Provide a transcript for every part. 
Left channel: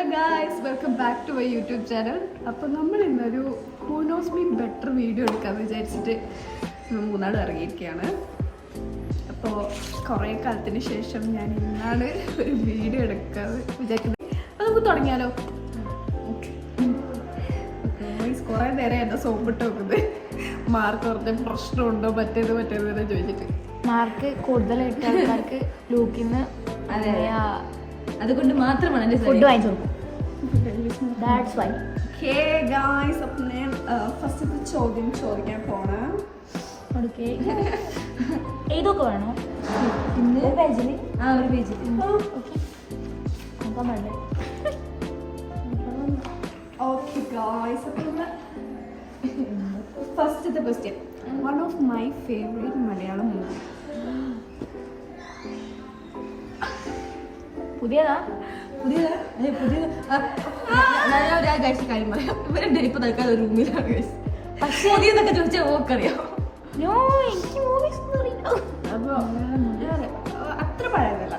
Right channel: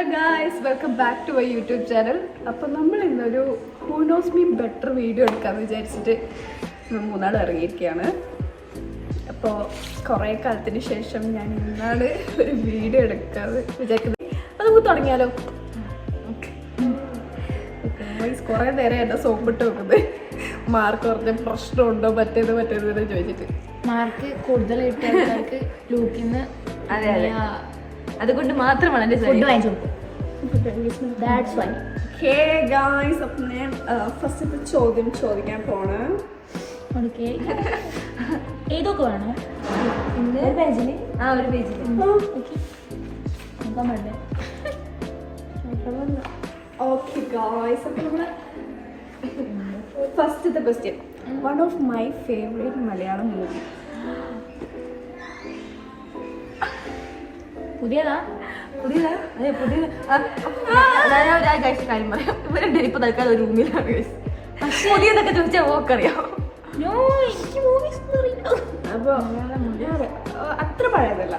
Hello guys, welcome back to my YouTube channel. അപ്പോൾ നമ്മൾ ഇന്നൊരു who knows me better video എടുക്കാമെന്ന് വിചാരിച്ചിട്ട് മൂന്നാൾ ഇറങ്ങിയിരിക്കുകയാണ്. അപ്പോൾ കുറേ കാലത്തിന് ശേഷം ഞാൻ ഇന്നാണ് ഒരു വീഡിയോ എടുക്കാമെന്ന് വിചാരിക്കുന്നത്. അപ്പോൾ നമുക്ക് തുടങ്ങിയാലോ? ഗായ്സ്, കുറേ നേരം എന്നെ സോപ്പിട്ട് വെക്കുന്നത് മാർക്ക് കുറഞ്ഞ പ്രശ്നമുണ്ടോ മറ്റേത് ചോദിച്ചിട്ട്. മാർക്ക് കൂടുതലായിട്ട് ആൾക്കാർക്ക് ലൂക്കിന്ന് അതെ അതുകൊണ്ട് മാത്രമാണ് ഫുഡ് വാങ്ങിച്ചു അപ്പം ഞാൻ ഫസ്റ്റത്തെ ചോദ്യം ചോദിക്കാൻ പോണ്. ഓക്കെ, ഏതൊക്കെ വേണോ ഇന്ന് ഒരു പേജിൽ? ഒരു പേജിൽ ഓക്കെ, നോക്കാൻ പാടില്ല. ഓക്കെ ഗായ്സ്, അപ്പം നമ്മൾ ഫസ്റ്റത്തെ question, one of my favourite Malayalam movie. പുതിയതാ? അതെ പുതിയ കാര്യം പറയാം. ഇവരുടെ ഇപ്പൊ തൽക്കാലം ഒരു റൂമിലാണ്. പുതിയതൊക്കെ ചോദിച്ചാൽ ഓക്കറിയാം. അപ്പോൾ അത്ര പഴയതല്ല.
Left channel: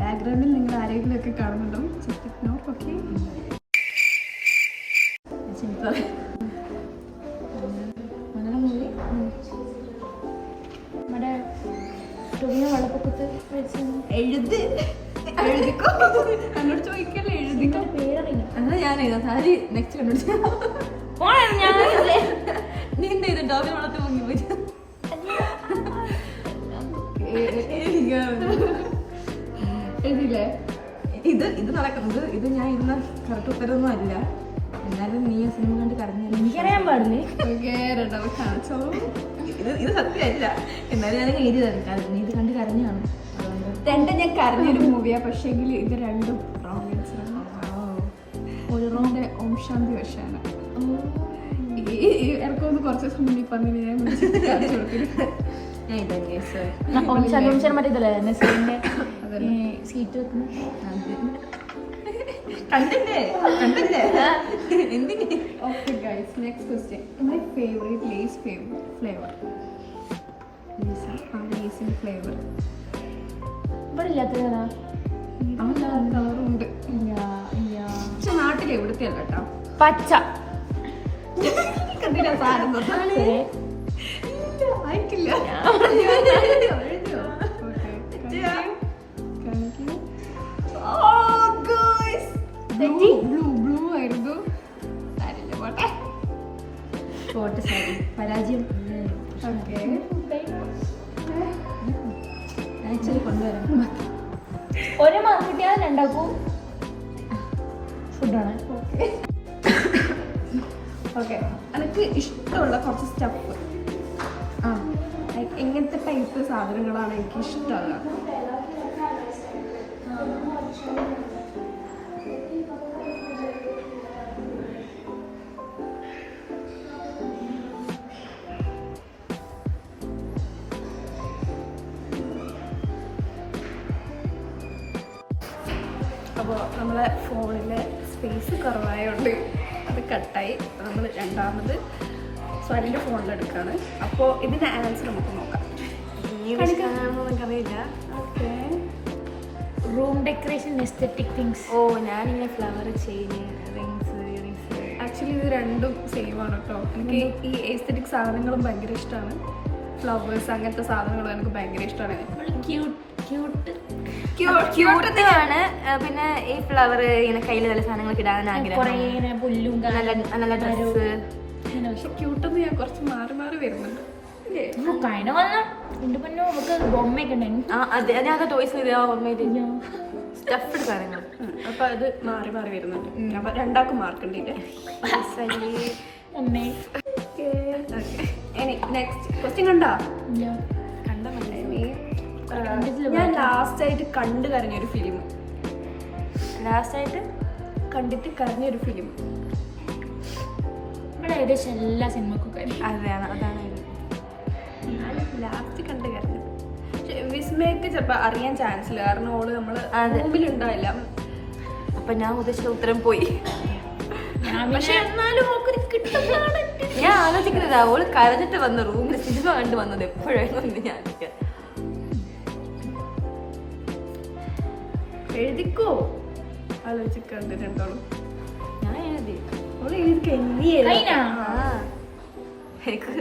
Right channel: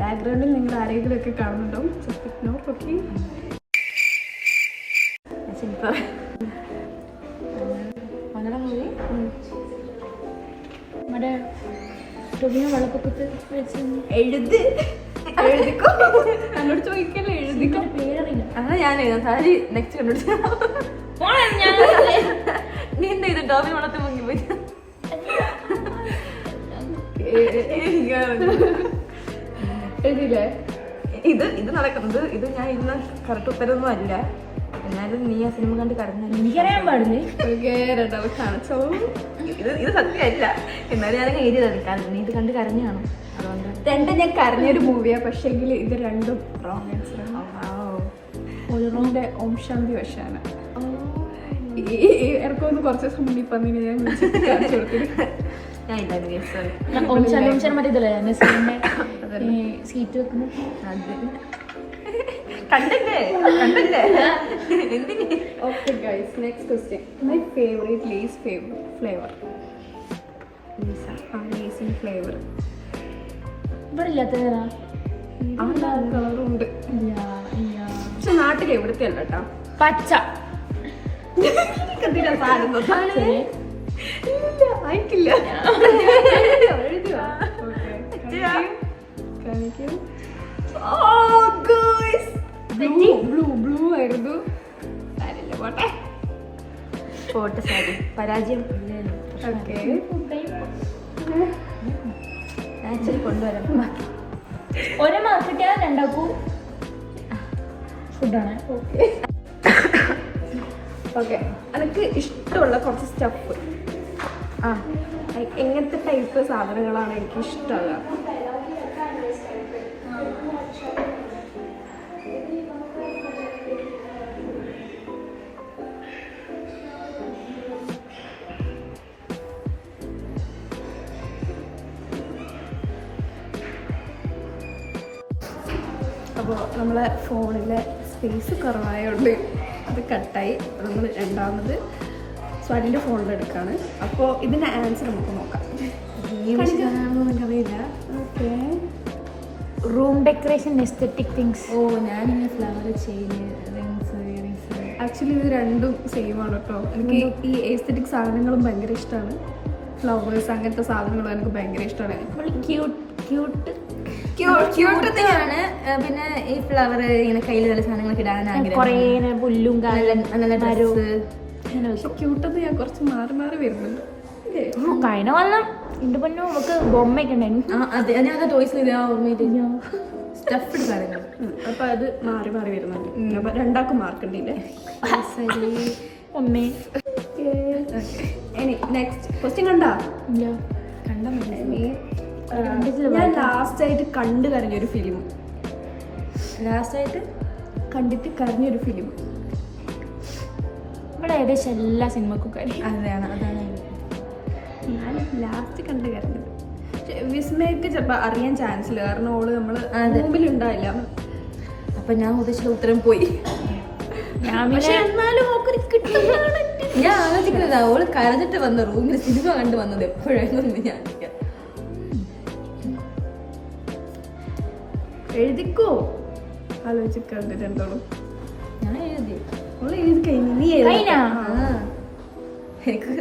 ബാക്ക്ഗ്രൗണ്ടിൽ നിങ്ങൾ ആരെങ്കിലും ഒക്കെ കാണുന്നുണ്ടാവും. Just ignore. Okay, Malayalam movie നമ്മുടെ വെള്ളപ്പൊക്കത്ത് എഴുതിക്കോ. എന്നോട് ചോദിക്കല്ലേ, എഴുതിക്കോ. പേരറിയില്ല. അതാ ഞാൻ സാരി നെക്സ്റ്റ് കണ്ടുപിടിച്ച. നീ എന്താ ചെയ്തു? ഡോബിൽ വളർത്തി മുങ്ങി പോയി. എഴുതിയില്ലേ? ഇത് നടക്കുന്നത് ഇത് ഞാൻ ഇന്ന് കറക്റ്റ് ഉത്തരവൊന്നും അല്ല. എന്നാലും നീ ആ സിനിമ കണ്ട് കരഞ്ഞു. എനിക്കറിയാൻ പാടില്ലേ? രണ്ടാമത് കാണിച്ചോളൂ. ഇത് സത്യമല്ല. എന്നാലും ഞാനൊക്കെ എഴുതിയതാണ്. കാരണം നീ ഇത് കണ്ട് കരഞ്ഞു കാണും. അതുകൊണ്ട് രണ്ടും ഞാൻ കരഞ്ഞൊരു മൂവിയാ. പക്ഷേ ഇത് രണ്ടും റോങ് ആൻസർ ആണ്. ഓരോന്റെ ഓം ശാന്തി വശാണ്. ഇടക്കൊന്ന് കുറച്ച് ദിവസം മുന്നിൽ പന്നിന് ഞാൻ ഞാൻ ഇതാണ് സീറ്റ് വെക്കുന്നത്. കണ്ടല്ലേ എന്തിന്? Okay guys, next question, my favourite Lays flavour. ലേസിൻ്റെ ഫ്ലേവർ ഇവിടെ ഇല്ലാത്തതാ? കളറും ഉണ്ട്. പക്ഷെ നാട്ടിൽ എവിടുത്തെ അല്ല കേട്ടോ. പച്ച കണ്ടില്ല സാധനം അയക്കില്ല. കാണിക്കൂ. ബ്ലൂ ആയിരുന്നു. പോട്ടെ സാരി, പരാജയം. ഓക്കെ, ആക്ച്വലി കൊണ്ടുവരാം. ഒരു മാർക്കറ്റാണ് രണ്ടാക്കും ഫുഡാണ്. ഓക്കെ ഓക്കെ, എനിക്ക് ഇഷ്ടമുള്ള കുറച്ച് സ്റ്റഫ്. എങ്ങനത്തെ ടൈപ്പ് സാധനങ്ങളാണ് എനിക്ക് ഇഷ്ടമാകുക? അപ്പോൾ നമ്മളെ ഫോണിലെ സ്പേസ് കുറവായതുകൊണ്ട് അത് കട്ടായി. അപ്പോൾ നമ്മൾ രണ്ടാമത് സ്വരിൻ്റെ ഫോണിലെടുക്കുകയാണ്. അപ്പോൾ ഇതിൻ്റെ ആൻസർ നമുക്ക് നോക്കാം. നമുക്കറിയില്ല. Okay, room decoration, aesthetic things. ഞാനിങ്ങനെ ഫ്ലവർ ചെയിന്, റിങ്സ്. ആക്ച്വലി ഇത് രണ്ടും സെയിം ആണ് കേട്ടോ. എനിക്ക് ഈ എസ്തെറ്റിക് സാധനങ്ങളും ഭയങ്കര ഇഷ്ടമാണ്. ഫ്ലവേഴ്സ് അങ്ങനത്തെ സാധനങ്ങളും എനിക്ക് ഭയങ്കര ഇഷ്ടമാണ്. ക്യൂട്ടാണ്. പിന്നെ ഈ ഫ്ലവർ ഇങ്ങനെ കയ്യിൽ നല്ല സാധനങ്ങളൊക്കെ ഇടാൻ ആഗ്രഹം. പുല്ലും നല്ല ഡ്രസ്സ്. പക്ഷെ ക്യൂട്ടൊന്നും ഞാൻ കുറച്ച് മാറി വരുന്നുണ്ട്. കഴിഞ്ഞ വന്ന എന്റെ പൊന്നോ നമുക്ക് ബൊമ്മയൊക്കെ ഉണ്ടായിരുന്നു. അതെ, ഞാൻ ടോയ്സ് ഓർമ്മ സ്റ്റഫ്ഡ് സാധനങ്ങൾ. അപ്പൊ അത് മാറി വരുന്നുണ്ട്. അപ്പൊ രണ്ടാക്കും മാർക്ക് ഉണ്ടല്ലേ? ഒന്നേ. ഇനി നെക്സ്റ്റ് ക്വസ്റ്റ്യൻ കണ്ടാ? കണ്ടാ മതി. ഞാൻ ലാസ്റ്റ് ആയിട്ട് കണ്ടു കരഞ്ഞൊരു ഫിലിം. ലാസ്റ്റായിട്ട് കണ്ടിട്ട് കരഞ്ഞൊരു ഫിലിം. ഇവിടെ ഏകദേശം എല്ലാ സിനിമക്കും കാര്യം അതാണ് ഞാൻ ലാസ്റ്റ് കണ്ടു കരഞ്ഞത്. വിസ്മയ്ക്ക് ചിലപ്പോൾ അറിയാൻ ചാൻസ് ഇല്ല, കാരണം ഓള് നമ്മള് മുമ്പിലുണ്ടാവില്ല. അപ്പൊ ഞാൻ ഉദ്ദേശിച്ച ഉത്തരം പോയി. പക്ഷെ എന്നാലും കിട്ടുന്നതാണ്. ഞാൻ ആലോചിക്കുന്നത് അവള് കരഞ്ഞിട്ട് വന്ന റൂമിൽ സിനിമ കണ്ടു വന്നത് എപ്പോഴായിരുന്നു ഞാൻ. എഴുതിക്കോ ആലോചിക്കണ്ട് രണ്ടോളും. ഞാൻ എഴുതി. അവള് എഴുതി കഴിഞ്ഞു. നീ എഴുതാ. കഴിഞ്ഞോ? എനിക്ക്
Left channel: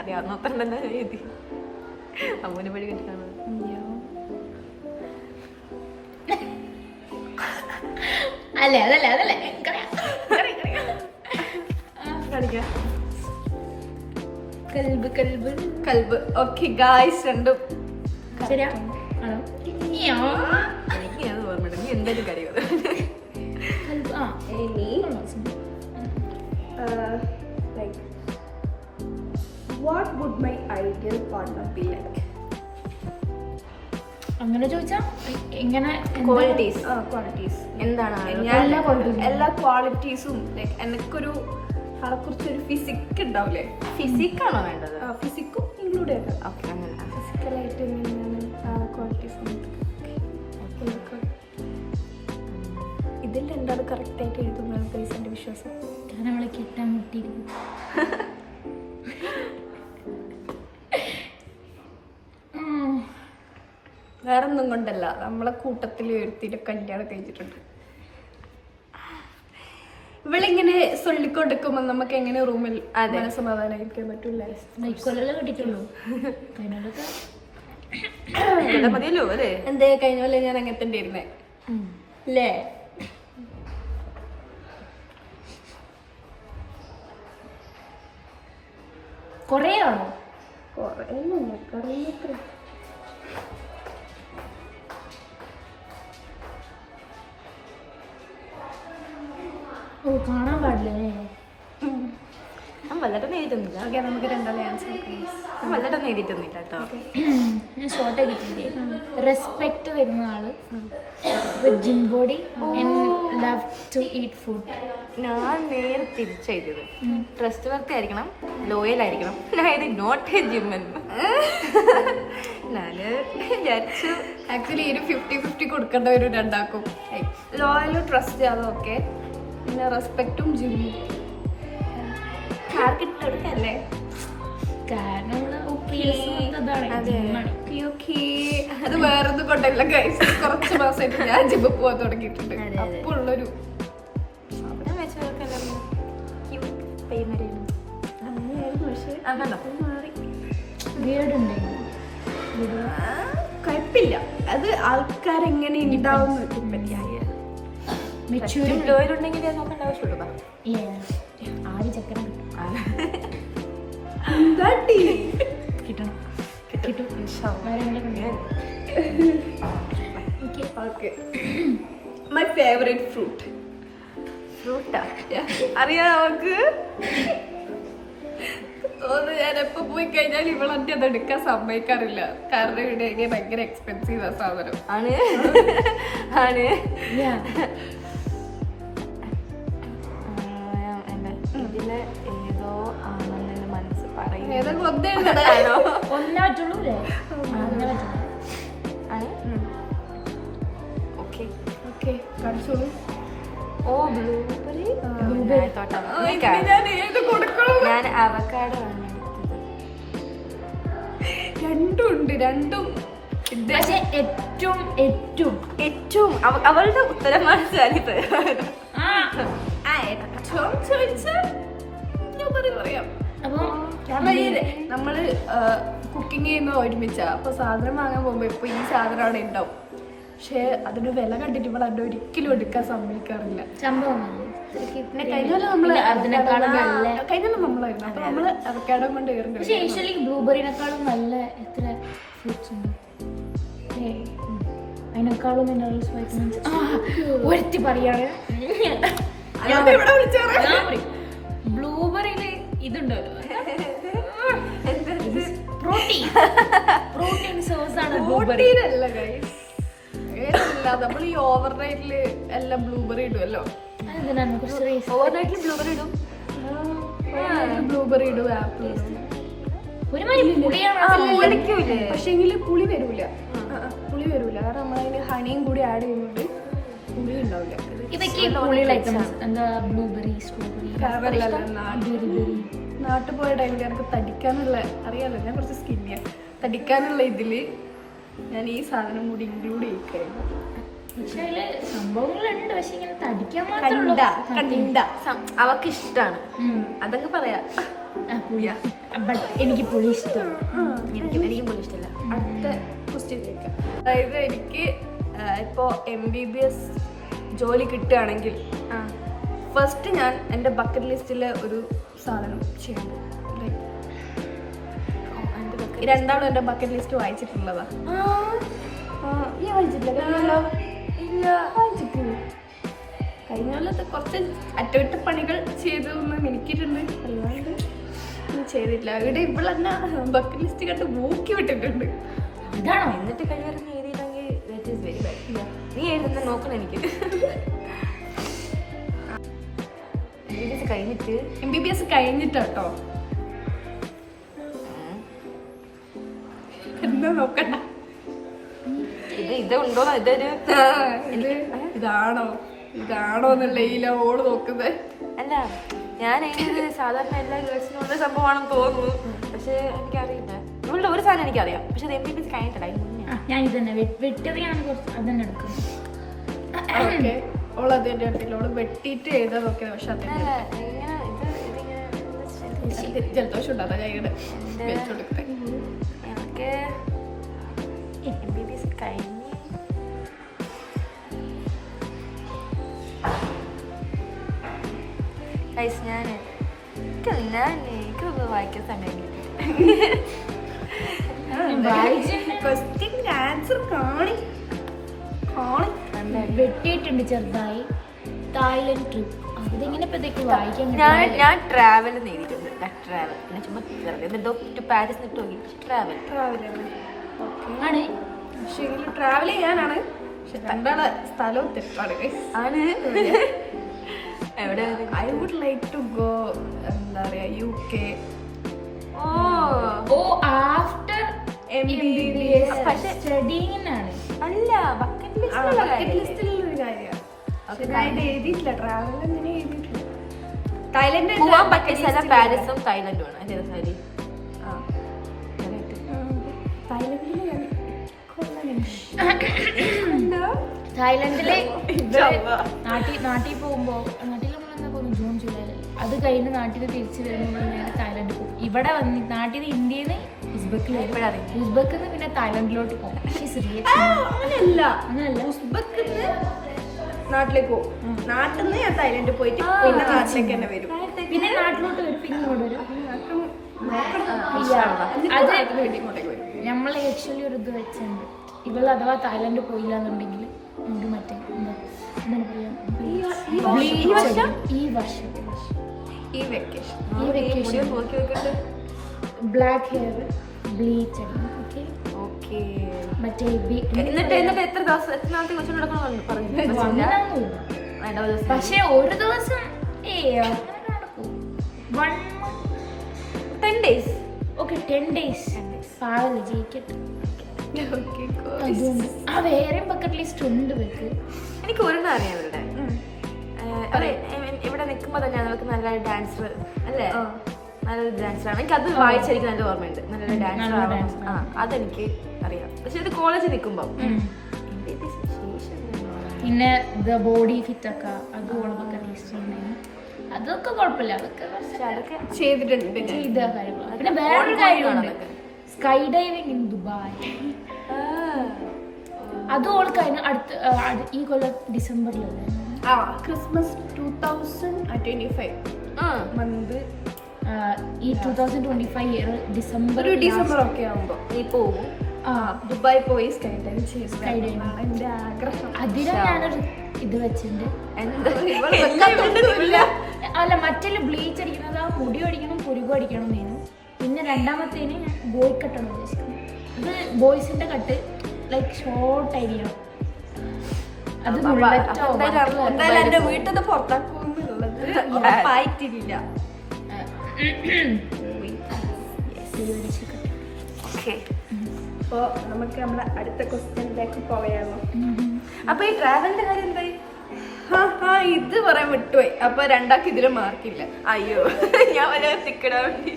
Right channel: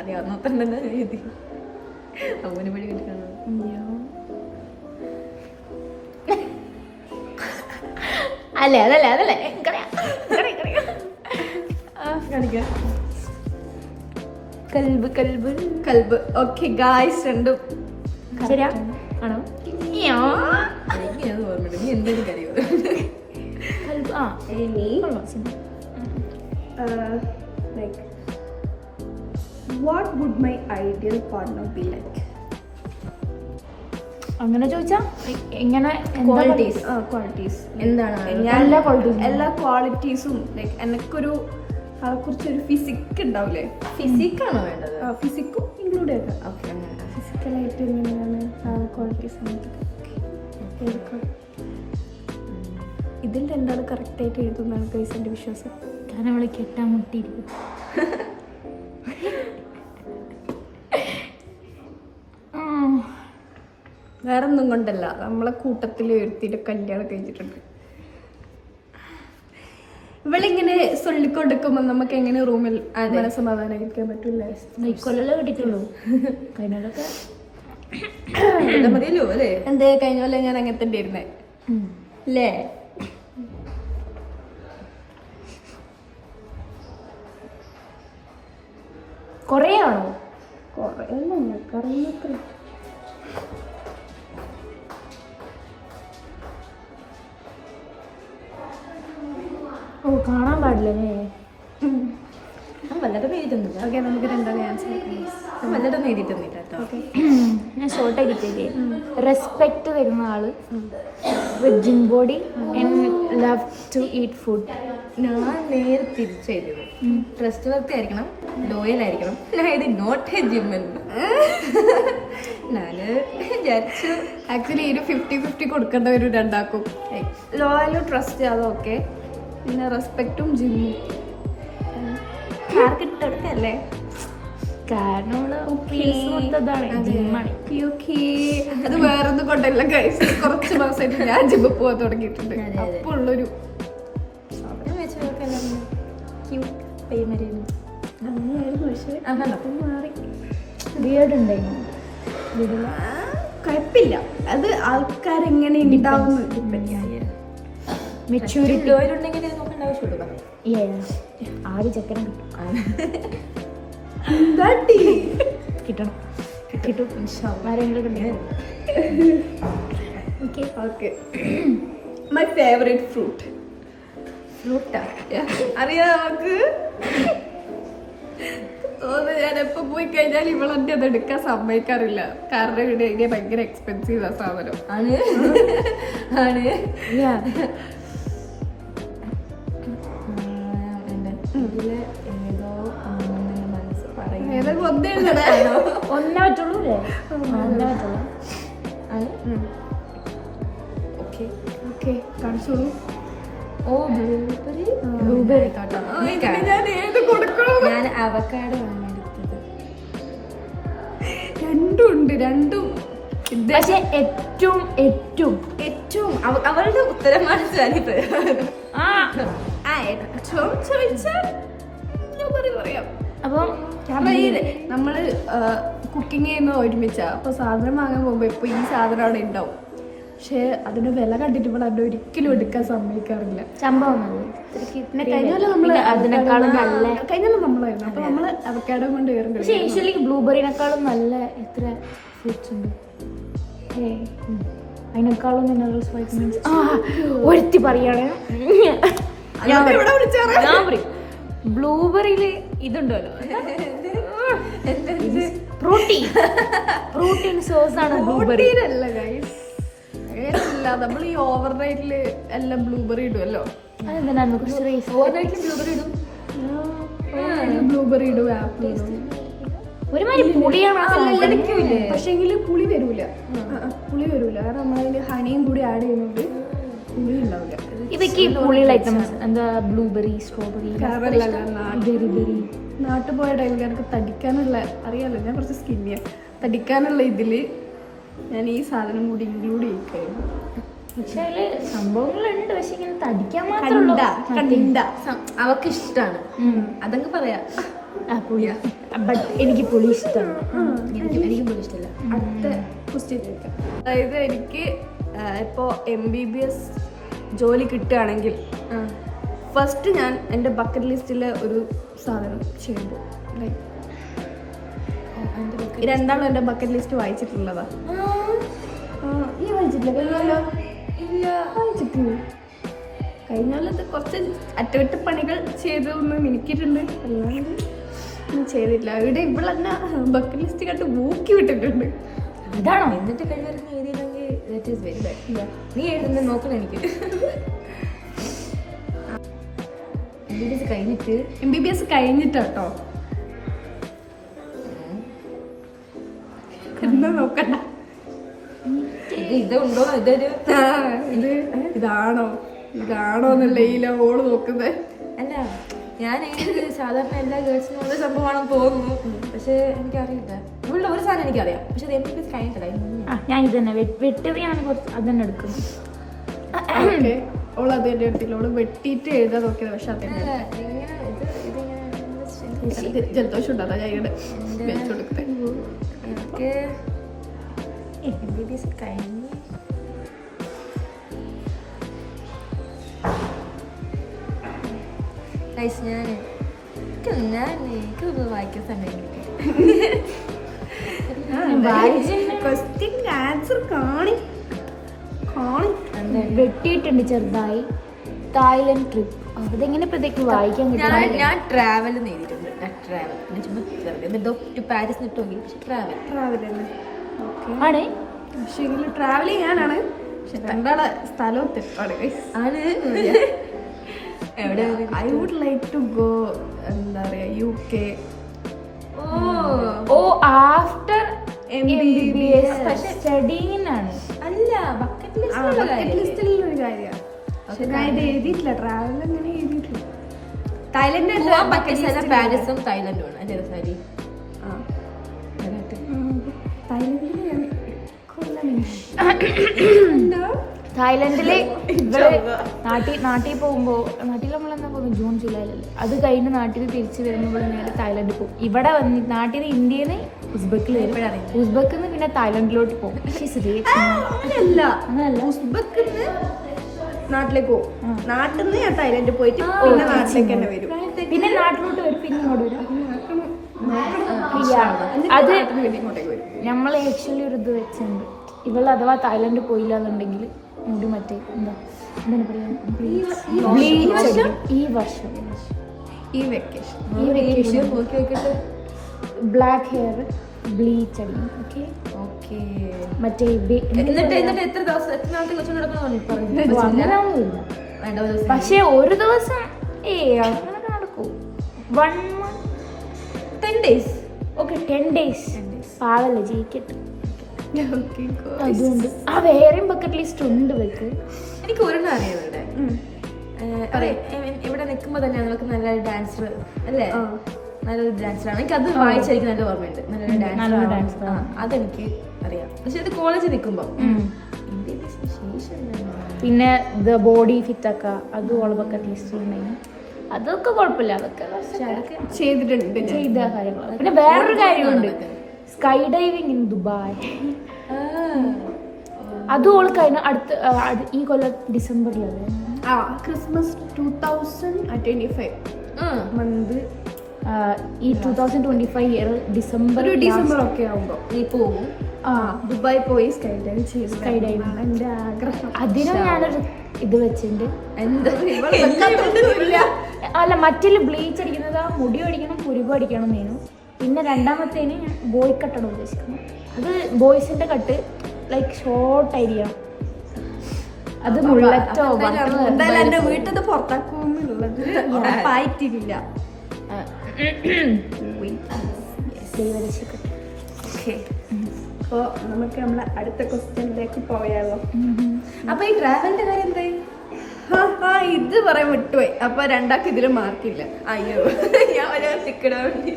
അറിയാവുന്ന അത്ര തന്നെ എഴുതി. അമ്മൂനെ പടി കണ്ടിട്ടാണ്. അല്ലേ അതല്ലേ അതല്ലേ കാണിക്കാം. കൽബ് കൽബ് കൽബ്. ഓക്കെ ഗായ്സ്, രണ്ടും ശരിയാ ആണോ? എനിക്ക് അത് ഓർമ്മയുണ്ട്. നീ എന്തായാലും കറിയോ? കൽബ് ആ ഇനി like what would my ideal partner be like? അങ്ങനെ ചോദിച്ചാ എങ്ങനെ ക്വാളിറ്റീസ്. ക്വാളിറ്റീസ് എന്താണ്? എല്ലാ qualities ഉം. എല്ലാ ക്വാളിറ്റീസും ലൈക്ക് എനിക്കൊരു ആളെ കുറിച്ചൊരു ഫിസിക് ഉണ്ടാവില്ലേ? ഫിസിക്കാണോ വേണ്ടത്? ഫിസിക്കും ഇൻക്ലൂഡ് ചെയ്താൽ ഓക്കെ, അങ്ങനെ. ഫിസിക്കലായിട്ട് എങ്ങനെയാണ് ആളെ ക്വാളിറ്റീസ് ഇതിൽ രണ്ടാൾ കറക്റ്റായിട്ട് എഴുതുന്നതാണ് ഗൈസ് എൻ്റെ വിശ്വാസം. ഞാൻ അവളെ കെട്ടാൻ മുട്ടിയിരിക്കും. വേറെ ഒന്നും കൊണ്ടല്ല, നമ്മളെ കൂട്ടത്തിൽ ഒരുത്തിൻ്റെ കല്യാണം കഴിച്ചിട്ടുണ്ട്. ഇവളിങ്ങനെ ചൊല്ലിക്കൊടുക്കുമ്പോൾ നമുക്ക് എങ്ങനെ റൂമിൽ മനസ്സമാധാനമായിരിക്കാൻ പറ്റൂലേ? കൊല്ലം കെട്ടിട്ടുള്ളൂ. കഴിഞ്ഞോടൊക്കെ ഇവിടെ മതിയല്ലോ അല്ലേ? എന്തേ കഴിഞ്ഞ പോലെ ഞാൻ അങ്ങനെ തന്നെ ഇരുന്നേ അല്ലേ? കൊറേ ആണോ? കുറേ അല്ല, ഞങ്ങൾക്ക് അറിയുന്നത്ര. ഓ കാണാൻ പാടില്ലല്ലേ? ഞാൻ വല്ലതും എഴുതുന്നില്ല. ഓക്കെ, നമുക്ക് രണ്ടാമത് ആൻസർ നോക്കാം. ഞാൻ വല്ലതും എഴുതിയിട്ടൊന്നുമില്ല കേട്ടോ. ഞാൻ ഷോർട്ട് എഡിറ്റ് റെസ്പെക്ട് തരുന്ന ആള്, gym body, love to eat food. ഞാൻ നേരെ തിരിച്ചെഴുതിയത്. ട്രസ്റ്റ് വർത്തി ആയിരിക്കണം, ലോയൽ ആയിരിക്കണം. ഞാൻ ഇത് നോട്ട് എ ജിമ്മൻ. ഞാന് വിചാരിച്ചു ആക്ച്വലി ഒരു 50-50 കൊടുക്കേണ്ട വരും രണ്ടാക്കും. ലോയലും ട്രസ്റ്റ് അതൊക്കെ, പിന്നെ റെസ്പെക്റ്റും ജിമ്മും ആർക്കിട്ട് കൊടുക്കല്ലേ? കാരണം അത് വേറൊന്നും കൊണ്ടല്ല ഗൈസ്. കുറച്ച് മാസമായിട്ട് ഞാൻ ജിമ്മിൽ പോകാൻ തുടങ്ങിയിട്ടുണ്ട്. അപ്പോൾ ഉള്ളൊരു അങ്ങനെയായിരുന്നു. പക്ഷേ മാറി. കുഴപ്പമില്ല, അത് ആൾക്കാരെങ്ങനെ ഉണ്ടാവുന്നു ലോയലുണ്ടെങ്കിൽ നോക്കേണ്ട ആവശ്യമുള്ളൂ. ആദ്യ ചക്കരം കിട്ടണം കിട്ടും. Okay, my favourite fruit. ഫ്രൂട്ടാ? അറിയാം നമുക്ക്. ഞാൻ എപ്പോ പോയി കഴിഞ്ഞാൽ ഇവളെന്നെ അത് എടുക്കാൻ സമ്മതിക്കാറില്ല. കാരണം ഇവിടെ ഇതിന് ഭയങ്കര എക്സ്പെൻസീവ് ആ സാധനം ആണ്. ആണ് ഇതില് ഏതോ ആണെന്ന് മനസ്സ് പറയുന്നത്. ഏതൊക്കെ ഒന്നെഴുതണോ? ഒന്നേ പറ്റുള്ളൂ അല്ലേ? ഒന്നേ പറ്റുള്ളൂ. ആണ്. ഓക്കെ ഓക്കെ, കാണിച്ചോളൂ. Oh blueberry. ഞാൻ ഏത് കൊടുക്കണം? ഞാൻ അവക്കാഡോ ആണ് എടുത്തത്. രണ്ടും ഉണ്ട്, രണ്ടും. പക്ഷെ ഏറ്റവും ഏറ്റവും ഏറ്റവും അവളുടെ ഉത്തരമാണ് ഞാനിത്. ഏറ്റവും ചോദിച്ചാൽ ഞാൻ പറയാം. അപ്പൊ കാരണം നമ്മള് കുക്കിംഗ് ചെയ്യുന്ന ഒരുമിച്ചാ. അപ്പൊ സാധനം വാങ്ങാൻ പോകുമ്പോ ഇപ്പൊ ഈ സാധനം അവിടെ ഉണ്ടാവും. പക്ഷെ അതിന്റെ വില കണ്ടിട്ട് ഇവിടെ അത് ഒരിക്കലും എടുക്കാൻ സമ്മതിക്കാറില്ല. സംഭവം പിന്നെ കഴിഞ്ഞാലും നമ്മള് കഴിഞ്ഞാലും നമ്മളായിരുന്നു. അപ്പൊ നമ്മള് അവക്കാഡോ കൊണ്ട് കയറും. പക്ഷെ യൂഷ്വലി ബ്ലൂബെറിനെക്കാളും നല്ല എത്ര ഫ്രൂട്ട്സ് ഉണ്ട്. അതിനേക്കാളും ഒരുത്തി പറയാണ് ബ്ലൂബെറിയില് ഇതുണ്ടല്ലോ, പ്രോട്ടീൻ സോഴ്സ് ആണ് ബ്ലൂബെറി. അല്ല ഗൈസ്, അങ്ങനെയല്ല. നമ്മൾ ഈ ഓവർ നൈറ്റില് എല്ലാം ബ്ലൂബെറി ഇടുമല്ലോ. ഓവർനൈറ്റിൽ ബ്ലൂബെറി ഇടും. ബ്ലൂബെറി ഇടും, ആപ്പിൾ ഇടും. പക്ഷെങ്കിൽ പുളി വരൂല. പുളി വരൂല കാരണം നമ്മളതിന് ഹണിയും കൂടി ആഡ് ചെയ്യുന്നുണ്ട്. പുളി ഉണ്ടാവില്ല. ഇതൊക്കെ പുളിയുള്ള ഐറ്റംസ് എന്താ ബ്ലൂബെറി, സ്ട്രോബെറി. നാട്ടിൽ പോയ ടൈമിൽ എനിക്ക് തടിക്കാനുള്ള അറിയാലോ, ഞാൻ കുറച്ച് സ്കിന്നിയാണ്. തടിക്കാനുള്ള ഇതില് ഞാൻ ഈ സാധനം കൂടി ഇൻക്ലൂഡ് ചെയ്യിക്കായിരുന്നു. പക്ഷെ അതില് സംഭവങ്ങളുണ്ട്, പക്ഷെ ഇങ്ങനെ തടിക്കാൻ മാത്രമേ അവക്ക് ഇഷ്ടാണ്, അതങ്ങ് പറയാ. എനിക്ക് പുളി ഇഷ്ടമാണ്. എനിക്കും പോലും ഇഷ്ടമല്ല. അടുത്ത ക്വസ്റ്റ്യൻ ചോദിക്കാം. അതായത് എനിക്ക് ഇപ്പോൾ MBBS ജോലി കിട്ടുകയാണെങ്കിൽ ഫസ്റ്റ് ഞാൻ എൻ്റെ ബക്കറ്റ് ലിസ്റ്റിൽ ഒരു സാധനം ചെയ്യാൻ പോകും. ലൈക്ക് രണ്ടാളും എൻ്റെ ബക്കറ്റ് ലിസ്റ്റ് വായിച്ചിട്ടുള്ളതാ. ഈ വായിച്ചിട്ടില്ല? കഴിഞ്ഞല്ലോ ഇല്ല, വായിച്ചിട്ടില്ല. കഴിഞ്ഞ കൊല്ലത്ത് കുറച്ച് അറ്റകുറ്റപ്പണികൾ ചെയ്തു എന്ന് മിനിക്കിയിട്ടുണ്ട്, അല്ലാണ്ട് ഒന്നും ചെയ്തിട്ടില്ല. ഇവിടെ ഇവളെന്നെ ബക്കറ്റ് ലിസ്റ്റ് കണ്ട് ഊക്കി വിട്ടിട്ടുണ്ട്. അതാണോ? എന്നിട്ട് കഴിവറങ്ങി എഴുതിയില്ലെങ്കിൽ ദാറ്റ് ഈസ് വെരി ബാഡ്. നീ എഴുതുന്ന നോക്കണം എനിക്ക്. MBBS കഴിഞ്ഞിട്ടോ എന്നാ നോക്കണ്ട. ഇതുണ്ടോ, ഇതൊരു ഇതാണോ എന്നുള്ള ഈ ഓള് നോക്കുന്നത്. അല്ല, ഞാൻ സാധാരണ എല്ലാ ഗേൾസിനും ഉള്ള സംഭവമാണെന്ന് തോന്നുന്നു, പക്ഷെ എനിക്കറിയില്ല. ഇവളുടെ ഒരു സാധനം എനിക്കറിയാം, പക്ഷെ അത് MBBS കഴിഞ്ഞിട്ടില്ല. ഞാൻ ഇത് തന്നെ വെട്ടത് ഞാൻ അതന്നെ എടുക്കുന്നു. ഓൾ അത് തന്നെ എടുത്തില്ല, ഓള് വെട്ടിയിട്ട് എഴുതാൻ നോക്കിയത്. പക്ഷെ അതന്നെ ജലദോഷം ഉണ്ടാകാൻ ഞങ്ങളുടെ വെച്ചുകൊടുക്കട്ടെ. എനിക്ക് MBBS കഴിഞ്ഞ് എനിക്കൊന്നും വായിക്കാൻ സമയം ക്വസ്റ്റ്യൻ ആൻസർ കാണി വെട്ടിയിട്ടുണ്ട് ചെറുതായി. തായ്ലൻഡ് ട്രിപ്പ്, അതെങ്ങനെ ഇപ്പത്തേക്ക് വായിക്കാൻ ഞാൻ ട്രാവൽ എഴുതിയിട്ടുണ്ട്. ട്രാവൽ പിന്നെ ചുമ്മാ എന്തോ ടു പാരീസ് ഇട്ട് നോക്കി, പക്ഷെ ട്രാവൽ തന്നെ ആണ്. പക്ഷെ എങ്കിലും ട്രാവൽ ചെയ്യാനാണ്, പക്ഷെ രണ്ടാളെ സ്ഥലവും തെറ്റാണ്. എവിടെ I would like to go എന്താ പറയാ UK. After MBBS സ്റ്റഡിയിലാണ്. അല്ല, ബക്കറ്റ് ലിസ്റ്റിലുള്ള ഒരു കാര്യമാണ്. ഞാൻ ഇത് എഴുതിയിട്ടില്ല, ട്രാവൽ അങ്ങനെ എഴുതിയിട്ടില്ല. തായ്ലൻഡ് പോവാൻ പറ്റിയ സ്ഥലം പാരീസും തായ്ലൻഡും ആണ്. അതെ സാരി, തായ്ലൻഡിൽ ഞാൻ തായ്ലൻഡില് നാട്ടിൽ പോകുമ്പോ, നാട്ടിൽ നമ്മളെന്താ പോകുന്നത് ജൂൺ ജൂലൈ, അത് കഴിഞ്ഞ് നാട്ടിൽ തിരിച്ചു വരുമ്പോൾ ഞാൻ തായ്ലൻഡിൽ പോകും. ഇവിടെ വന്ന് നാട്ടിൽ നിന്ന് ഇന്ത്യയിൽ നിന്ന് ഉസ്ബെക്കിൽ വരും, ഉസ്ബെക്കിൽ നിന്ന് പിന്നെ തായ്ലൻഡിലോട്ട് പോകും. നാട്ടിലേക്ക് പോകും, നാട്ടിൽ നിന്ന് ഞാൻ തായ്ലൻഡിൽ പോയിട്ട് പിന്നെ നാട്ടിലേക്ക് തന്നെ വരും, പിന്നെ നാട്ടിലോട്ട് വരും, പിന്നെ ഇങ്ങോട്ട് വരും. അത് ഇങ്ങോട്ടേക്ക് വരും. നമ്മൾ ആക്ച്വലി ഒരു ഇത് വെച്ചിട്ടുണ്ട്, ഇവൾ അഥവാ തായ്ലൻഡിൽ പോയില്ല എന്നുണ്ടെങ്കിൽ മുടി മറ്റേ എന്താണ് പറയാ, ഈ വെക്കേഷൻ ബ്ലാക്ക് ഹെയർ ബ്ലീച്ച് ആണ്. മറ്റേ എത്ര ദിവസം എത്ര നാളത്തെ കൊച്ചുകൊണ്ട് പക്ഷെ ഒരു ദിവസം അങ്ങനെ നടക്കും. 1 month 10 days. ഓക്കെ 10 days പാവല്ലേ ജയിക്കട്ടെ. അതുകൊണ്ട് വേറെയും ബക്കറ്റ് ലിസ്റ്റ് ഉണ്ട് വെക്ക്. എനിക്ക് ഒരെണ്ണം അറിയാം ഇവരുടെ. ഇവിടെ നിൽക്കുമ്പോ തന്നെ നമുക്ക് നല്ലൊരു ഡാൻസർ അല്ലേ, നല്ലൊരു ഡാൻസറാണ്. എനിക്ക് അത് വായിച്ചെനിക്ക് നല്ല ഓർമ്മയുണ്ട്. നല്ലൊരു ഡാൻസർ അതെനിക്ക് അറിയാം, പക്ഷെ അത് കോളേജിൽ നിൽക്കുമ്പോ. പിന്നെ ബോഡി ഫിറ്റ് ഒക്കെ അത് ഓൾ ബക്കറ്റ് ലിസ്റ്റ് അതൊക്കെ കുഴപ്പമില്ല, അതൊക്കെ ചെയ്തിട്ടുണ്ട്. ചെയ്ത കാര്യങ്ങളാണ്. പിന്നെ വേറൊരു കാര്യമുണ്ട്, സ്കൈ ഡൈവിംഗ് ഇൻ ദുബായ്. അത് ഓൾ കഴിഞ്ഞ അടുത്ത ഈ കൊല്ലം ഡിസംബറിലല്ലേ, ക്രിസ്മസ് 2025 മന്ത്. ഈ 2025 ഇയർ ഡിസംബർ ഒക്കെ ആവുമ്പോ നീ പോകും ദുബായ് പോയി സ്കൈ ഡൈവ് ചെയ്തു. എന്റെ ആഗ്രഹം. അതിനാണ് ഞാനൊരു ഇത് വെച്ചിട്ടുണ്ട്. എന്താ അല്ല, മറ്റിൽ ബ്ലീച്ച് അടിക്കുന്നത് ആ മുടി അടിക്കണം, പുരുകം അടിക്കണം എന്നാണ്. പിന്നെ രണ്ടാമത്തേന് ബോയ് കട്ടാണ് ഉദ്ദേശിക്കുന്നത്. അത് ബോയ്സിന്റെ കട്ട് ലൈക്ക് ഷോർട്ട് ആയിരിക്കണം. അത് എന്തായാലും എന്റെ വീട്ടിൽ പുറത്താക്കുന്നുള്ളത് ഉറപ്പായിട്ടില്ല. അപ്പോ നമുക്ക് നമ്മളെ അടുത്ത ക്വസ്റ്റ്യനിലേക്ക് പോയാലോ. അപ്പൊ ഈ ട്രാവലിന്റെ കാര്യം എന്തായി? ഇത് പറയാൻ വിട്ടുപോയി. അപ്പൊ രണ്ടാൾക്ക് ഇതില് മാർക്കില്ല. അയ്യോ, ഞാൻ ടിക്കറ്റ് വേണ്ടി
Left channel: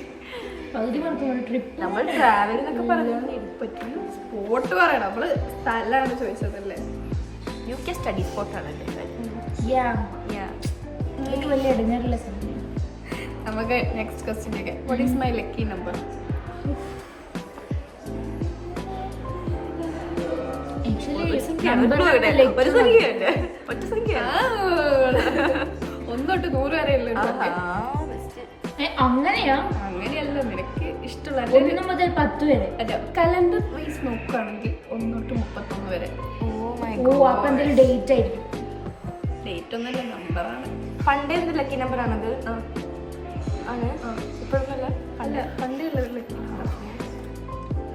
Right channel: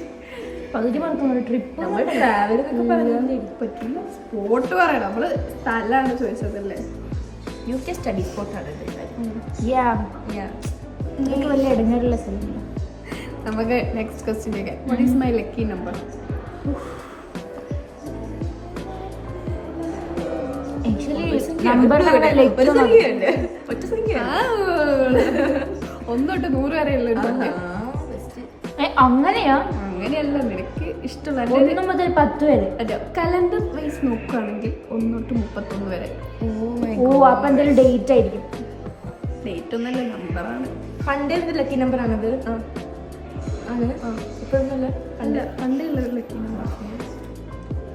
ട്രിപ്പ് നമ്മൾ ട്രാവൽ എന്നൊക്കെ പറഞ്ഞു പറ്റില്ല. സ്പോട്ട് പറയണം, നമ്മള് സ്ഥലമാണ് ചോദിച്ചതല്ലേ. UK സ്റ്റഡി സ്പോട്ടാണ് എനിക്ക് വലിയ ഇടങ്ങാറുള്ള സ്ഥലം. നമുക്ക് next question. What is my lucky number? ഒന്നോട്ട് 100 വരെയുള്ള അങ്ങനെയാ? അങ്ങനെയല്ല, നിനക്ക് ഇഷ്ടമുള്ള 1 മുതൽ 10 വരെ. അല്ല, കലണ്ടർ വൈസ് നോക്കുകയാണെങ്കിൽ 1 തൊട്ട് 31 വരെ. അപ്പൊ എന്തെങ്കിലും ഡേറ്റ് ആയിരിക്കും. ഡേറ്റ് ഒന്നല്ല, നമ്പറാണ്. പണ്ടേ ലക്കി നമ്പർ ആണത്. ആണ് ഇപ്പോഴൊന്നുമല്ല. അല്ല, പണ്ടേ ഉള്ള ലക്കി നമ്പർ.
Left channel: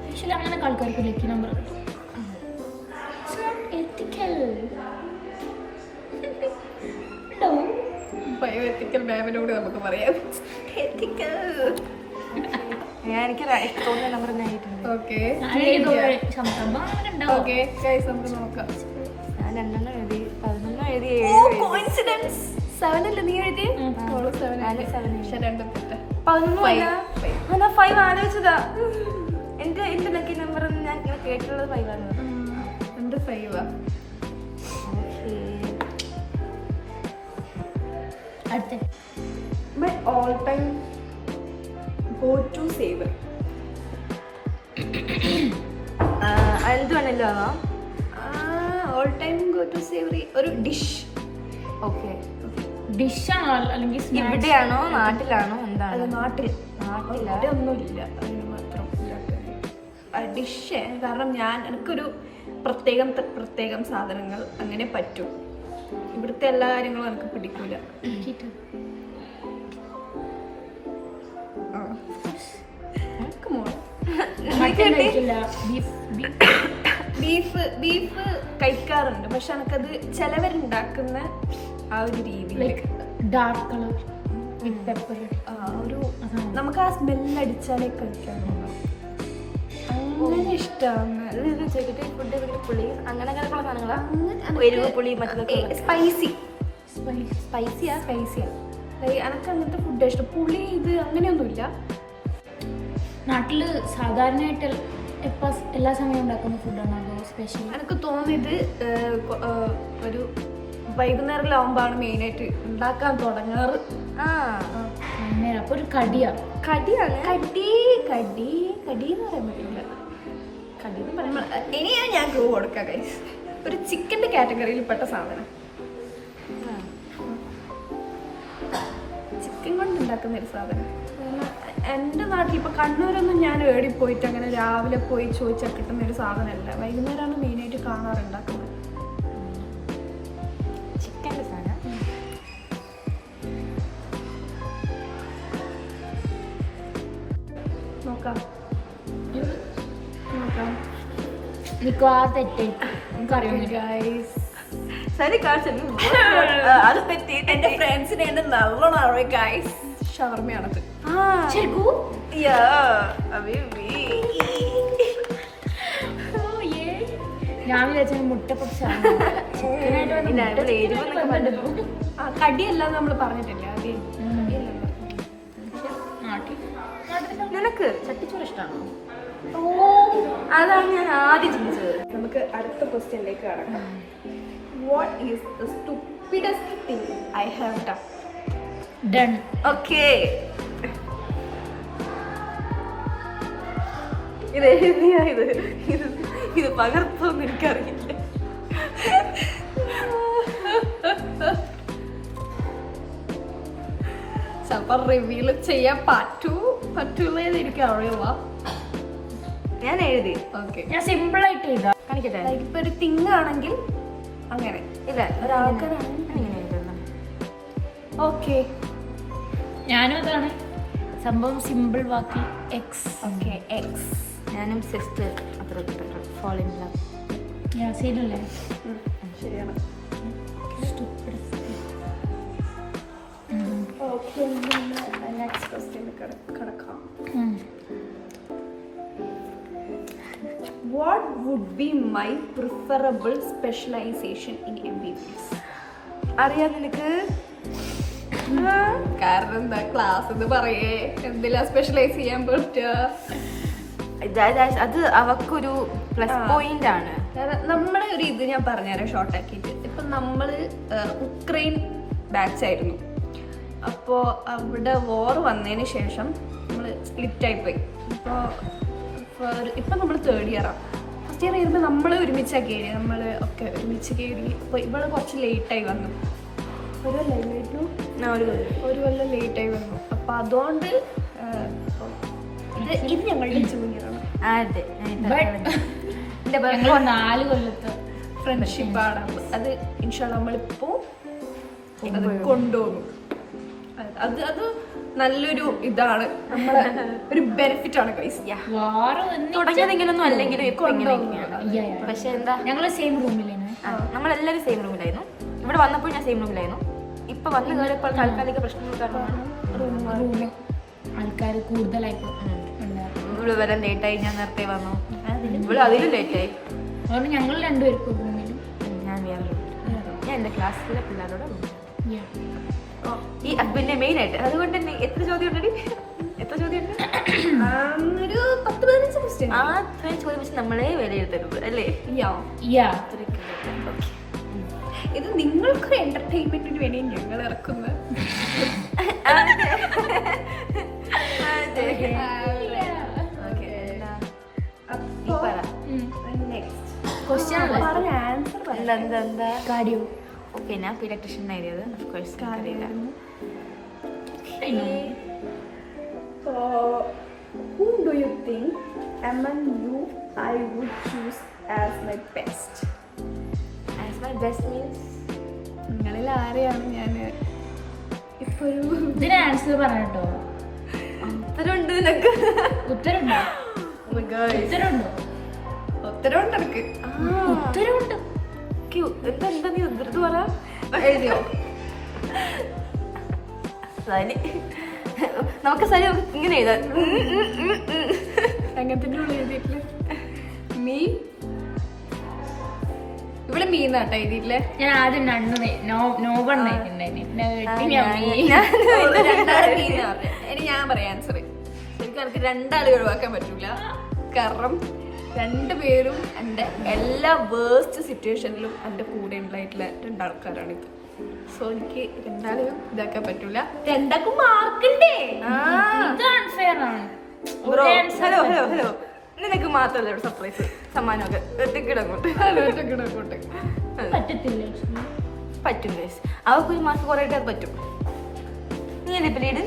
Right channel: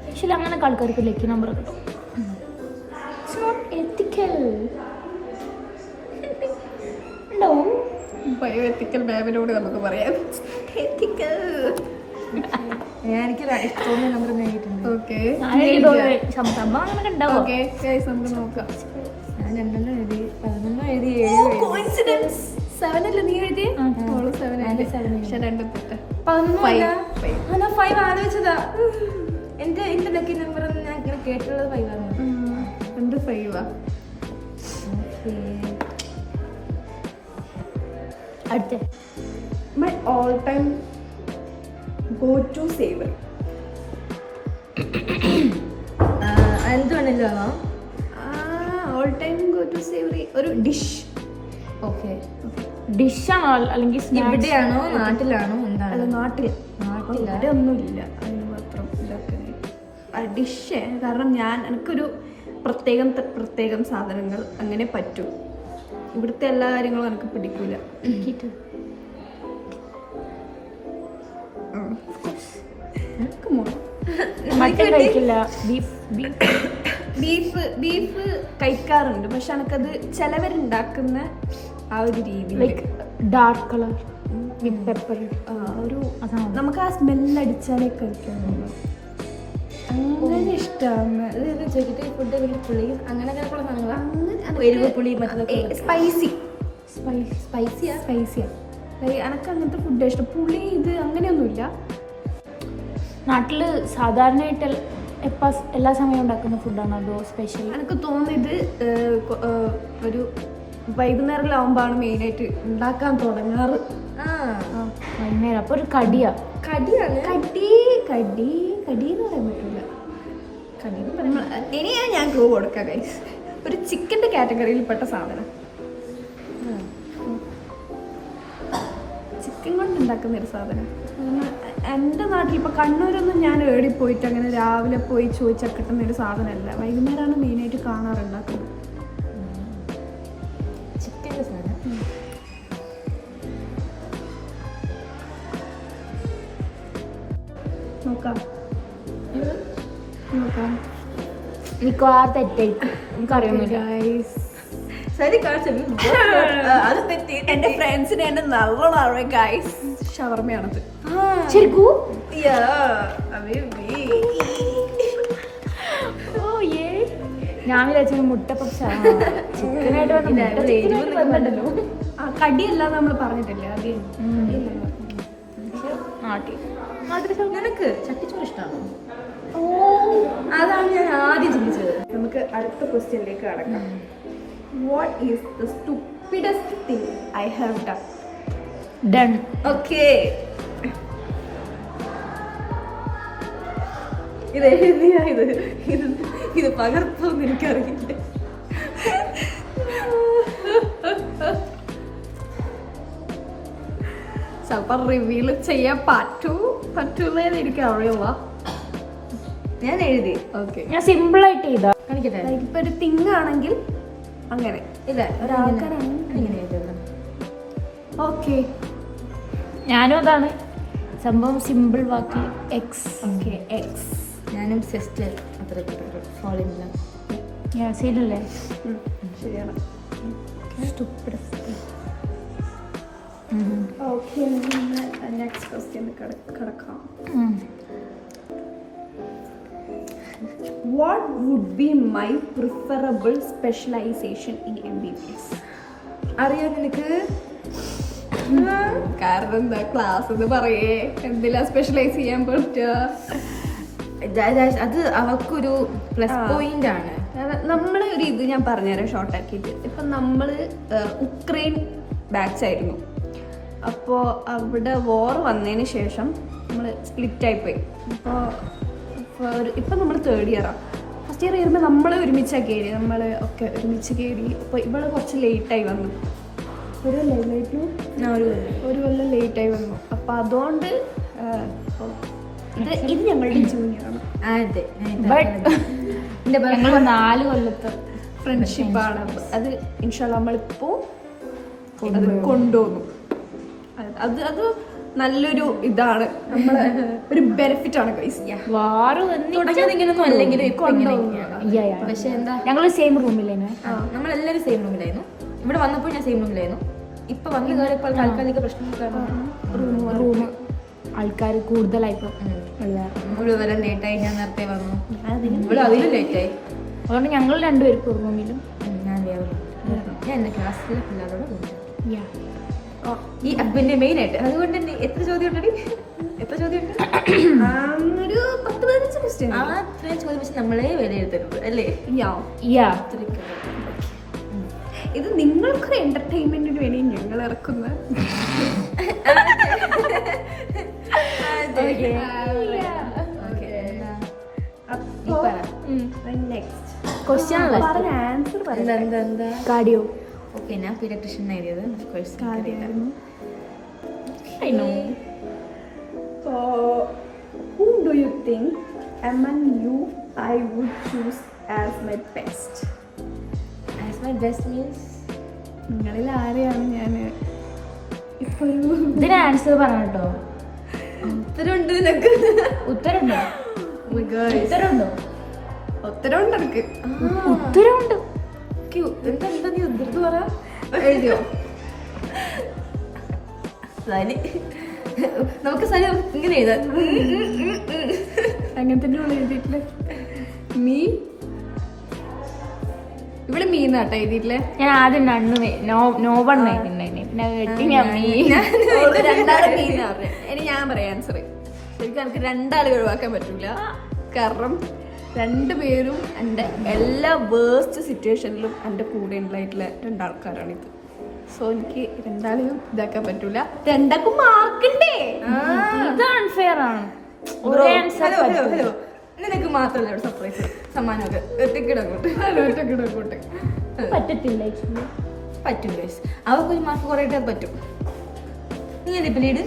ആക്ച്വലി അങ്ങനെയൊക്കെ ആൾക്കാർക്ക് ലക്കി നമ്പർ കിട്ടും. It's not ethical. No, bioethical മാമിനോട് നമുക്ക് പറയാം. എനിക്ക് തോന്നുന്ന നമ്പർ നേടിയിട്ടുണ്ട്. ഓക്കെ, സംഭവം അങ്ങനെ ഉണ്ടാവും. ഓക്കെ ഗൈസ്, നമുക്ക് നോക്കാം. ഞാൻ 2 എഴുതി, 11 എഴുതി, 7 അല്ലേ നീ എഴുതിയേ? 7 പക്ഷെ 2 തെറ്റ്. 5 ആലോചിച്ചതാ. എന്റെ ലക്കി നമ്പർ ഞാൻ ഇങ്ങനെ കേട്ടുള്ളത് 5 ആണ്. എന്ത് 5 അടുത്ത my all time go to savour. എന്തുവാണല്ലോ all time go to savoury ഒരു ഡിഷ്. ഓക്കെ, ഡിഷാണോ അല്ലെങ്കിൽ ഇവിടെയാണോ നാട്ടിലാണോ എന്താണ്? അല്ല, നാട്ടിൽ ഒന്നുമില്ല അതിന് മാത്രം ഡിഷ്. കാരണം എനിക്കൊരു പ്രത്യേകം സാധനങ്ങൾ അങ്ങനെ പറ്റും. ഇവിടുത്തെ എല്ലാ കാര്യങ്ങളും എനിക്ക് പിടിക്കൂല. ബീഫ് കഴിക്കാറുണ്ട്, പക്ഷെ എനിക്കത് ചിലവരുണ്ടാക്കുന്ന ആ ഒരു രീതിയിൽ ഡാർക്ക് കളർ വിത്ത് പെപ്പർ ഒരു നമുക്ക് ആ സ്മെല്ലടിച്ചാലേ കഴിക്കാൻ തോന്നും. അങ്ങനെ ഇഷ്ടമാണ്. ചോദിക്കട്ടെ, ഫുഡ് വലിയ പുളി അങ്ങനെയുള്ള സാധനങ്ങളാണ്. എരിവ് പുളി മറ്റേ സ്പൈസിയാ എനിക്ക് അങ്ങനത്തെ ഫുഡ് ഇഷ്ടം. പുളി ഇത് അങ്ങനെയൊന്നുമില്ല. നാട്ടില് സാധാരണയായിട്ട് എല്ലാ സമയവും ഉണ്ടാക്കുന്ന ഫുഡാണ് അതോ സ്പെഷ്യൽ? എനിക്ക് തോന്നിയത് ഒരു വൈകുന്നേരമാകുമ്പോഴാണ് മെയിനായിട്ട് ഉണ്ടാക്കാൻ തുടങ്ങാറ്. വൈകുന്നേരം അപ്പൊ ഒരു കടിയാണ്. കടി എന്ന് പറയാൻ പറ്റൂല. ഇനിയാണ് ഞാൻ ക്ലൂ കൊടുക്കാം ഗൈസ്. ഒരു ചിക്കൻ്റെ കാറ്റഗറിയിൽ പെട്ട സാധനം. ചിക്കൻ കൊണ്ട് ഉണ്ടാക്കുന്ന ഒരു സാധനം. എൻ്റെ നാട്ടിൽ ഇപ്പം കണ്ണൂരൊന്നും ഞാൻ ഏടി പോയിട്ട് അങ്ങനെ രാവിലെ പോയി ചോദിച്ചാൽ കിട്ടുന്ന ഒരു സാധനമല്ല. വൈകുന്നേരമാണ് മെയിനായിട്ട് കാണാറുണ്ടാക്കുന്നത്. ചിക്കൻ്റെ സാധനം നോക്കാം. മിക്കവാറും തെറ്റായിരിക്കും. എനിക്കറിയാം ഗൈസ്, അത് തെറ്റി. എന്റെ ഫ്രണ്ട്സിന് എന്നെ നല്ലോണം അറിയാം ഗൈസ്. ഷവർമയാണത്. ഞാൻ വിചാരിച്ച മുട്ട പക്ഷേ കടിയല്ല നമ്മൾ പറഞ്ഞിട്ടില്ല. നിനക്ക് ചട്ടിച്ചോറ് ഇഷ്ടമാണോ? അതാണ് ഞാൻ ആദ്യം ചിന്തിച്ചത്. നമുക്ക് അടുത്ത ക്വസ്റ്റ്യനിലേക്ക് കടക്കാം. What is the stupidest thing I have done? Okay, ഇത് എഴുതിയാ ഇത് പകർപ്പൊന്നും എനിക്കറിയില്ല. ചിലപ്പോൾ റിവീൽ ചെയ്യാൻ പറ്റൂലെന്ന് എനിക്ക് അറിയില്ല. ഞാൻ എഴുതി. ഓക്കെ, ഞാൻ സിമ്പിൾ ആയിട്ട് ചെയ്താ കാണിക്കട്ടെ. ലൈക്ക് ഇപ്പൊ ഒരു തിങ് ആണെങ്കിൽ അങ്ങനെ ഇല്ല, ഒരാൾക്കാരാണ് ഇങ്ങനെ എഴുതുന്നു. ഓക്കെ, ഞാനും അതാണ് സംഭവം. സിമ്പിൾ വാക്കി എക്സ്. Okay, X. ഞാനും സിസ്റ്റർ അത്ര ഫോൾ ഇൻ ലവ്. ഞാൻ സീനല്ലേ? ശരിയാണ്. ഓക്കെ, നെക്സ്റ്റ് ക്വസ്റ്റ്യൻ കിടക്കാം. What would be my preferable specialization in MBBS? അറിയാം നിനക്ക്? കാരണം എന്താ, ക്ലാസ് എന്ന് പറയേ എന്തിലാ സ്പെഷ്യലൈസ് ചെയ്യാൻ പറ്റുക? അത് അവക്കൊരു പ്ലസ് പോയിന്റ് ആണ്. നമ്മളെ ഒരു ഇത് ഞാൻ പറഞ്ഞുതരാം ഷോർട്ടാക്കിയിട്ട്. ഇപ്പം നമ്മൾ ഉക്രൈൻ ബാച്ച് ആയിരുന്നു. അപ്പോൾ അവിടെ വോർ വന്നതിന് ശേഷം നമ്മൾ സ്പ്ലിറ്റായിപ്പോയി. ഇപ്പം നമ്മൾ 3rd ഇയറാണ്. ഫസ്റ്റ് ഇയർ വരുമ്പോൾ നമ്മൾ ഒരുമിച്ചാണ് കയറി, നമ്മൾ ഒക്കെ ഒരുമിച്ച് കയറി. അപ്പോൾ ഇവള് കുറച്ച് ലേറ്റായി വന്നു, ഒരു കൊല്ലം ലേറ്റായി വന്നു. അപ്പം അതുകൊണ്ട് ഇത് ഞങ്ങളുടെ ജൂനിയറാണ്. അതെ, എൻ്റെ 4 കൊല്ലത്തെ ഫ്രണ്ട്ഷിപ്പാണ്. അത് ഇൻഷാല്ല നമ്മളിപ്പോൾ അത് കൊണ്ടുപോകും. അത് നല്ലൊരു ഇതാണ്, നമ്മളെ ഒരു ബെനിഫിറ്റ് ആണ് ഗൈസ്. തുടങ്ങിയത് ഇങ്ങനൊന്നും അല്ലെങ്കിലും ഇപ്പൊ പക്ഷെ എന്താ, ഞങ്ങൾ സെയിം റൂമിലായിരുന്നു. നമ്മളെല്ലാവരും സെയിം റൂമിലായിരുന്നു. ഇവിടെ വന്നപ്പോൾ ഞാൻ സെയിം റൂമിലായിരുന്നു. ഇപ്പൊ വന്ന് കയറിയപ്പോൾ താൽക്കാലിക പ്രശ്നങ്ങൾ കാരണം റൂം ആൾക്കാർ കൂടുതലായിട്ട് ഇവിടെ വരാൻ ലേറ്റായി. ഞാൻ നേരത്തെ വന്നു, ഇവിടെ അതിലും ലേറ്റായി. അതുകൊണ്ട് ഞങ്ങൾ രണ്ടുപേർക്കും ഒരു റൂമിലും ഞാൻ വേറെ ഞാൻ എൻ്റെ ക്ലാസ്സിലെ പിള്ളേരോട് റൂമിലാണ്. ഈ അപ്പിന്റെ മെയിൻ ആയിട്ട് അതുകൊണ്ട് തന്നെ എത്ര ചോദ്യം ഉണ്ട്? ഒരു 10-15 ക്വസ്റ്റ്യൻ. ആ അത്രയും ചോദ്യം വെച്ച് നമ്മളെ വിലയിരുത്തരുത് അല്ലേ? ഇത് നിങ്ങൾക്കൊരു എന്റർടൈൻമെന്റിന് വേണ്ടി ഞങ്ങൾ ഇറക്കുന്ന ആൻസർ കാർഡിയോ. ഓക്കെ, ഞാൻ പീഡിയാട്രിഷ്യൻ എഴുതിയത്. Whom do you think among you I would choose as my best? As my best means നിങ്ങളിൽ ആരെയാണ് ഞാൻ ഇപ്പൊ ഒരു ഇതിന് ആൻസർ പറഞ്ഞോ? ഉത്തരമുണ്ട് നിനക്ക്? ഉത്തരമുണ്ടോ? ഉത്തരവുണ്ട് എനിക്ക്. ഉത്തരമുണ്ട്. എന്താ നീ ഉദ്ധൃത് പറ എഴുതിയോ? സനി, നമുക്ക് സനി ഇങ്ങനെ എഴുതാം. അങ്ങനത്തെ ഉള്ള എഴുതിയിട്ടില്ലേ? മീ ഇവിടെ മീന്നാട്ടോ എഴുതിയിട്ടില്ലേ? ഞാൻ ആദ്യം നോവണ്ണ ഇനി ഞാൻ പറയാം ആൻസർ. ശരിക്കും എനിക്ക് 2 ആളെ ഒഴിവാക്കാൻ പറ്റൂല. കാരണം 2 പേരും എൻ്റെ എല്ലാ വേഴ്സ്റ്റ് സിറ്റുവേഷനിലും എൻ്റെ കൂടെ ഉണ്ടായിട്ടുള്ള 2 ആൾക്കാരാണിത്. സോ എനിക്ക് 2 ആളെയും ഇതാക്കാൻ പറ്റൂല. 2ക്കും മാർക്കുണ്ടേ. ഇത് അൺഫെയർ ആണ്. ഹലോ നിനക്ക് മാത്രമല്ല ഇവിടെ സർപ്രൈസ് സമ്മാനമൊക്കെ ഒറ്റക്കിടങ്ങോട്ട് പറ്റത്തില്ല. പറ്റും ഗൈസ്, അവർക്കൊരു മാസം കുറേട്ട് അത് പറ്റും. നീ അല്ലേ ഇപ്പം lead?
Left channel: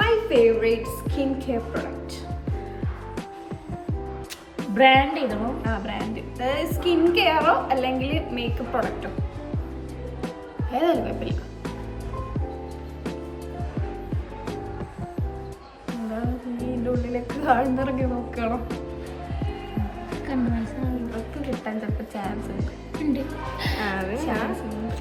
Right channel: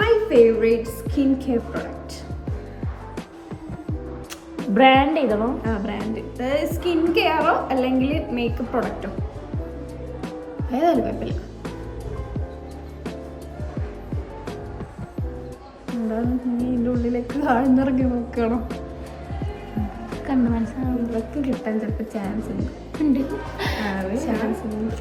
My favourite skin care product. Brand ചെയ്തോ? ബ്രാൻഡ് സ്കിൻ കെയറോ അല്ലെങ്കിൽ മേക്കപ്പ് പ്രൊഡക്റ്റോ ഏതായാലും കുഴപ്പമില്ല. എന്താണ് നീ ഇതിൻ്റെ ഉള്ളിലേക്ക് ആഴ്ന്നിറങ്ങി നോക്കണം? ഇതൊക്കെ കിട്ടാൻ ചിലപ്പോൾ ചാൻസ് ഉണ്ട്. ചാൻസ് ഉണ്ട്.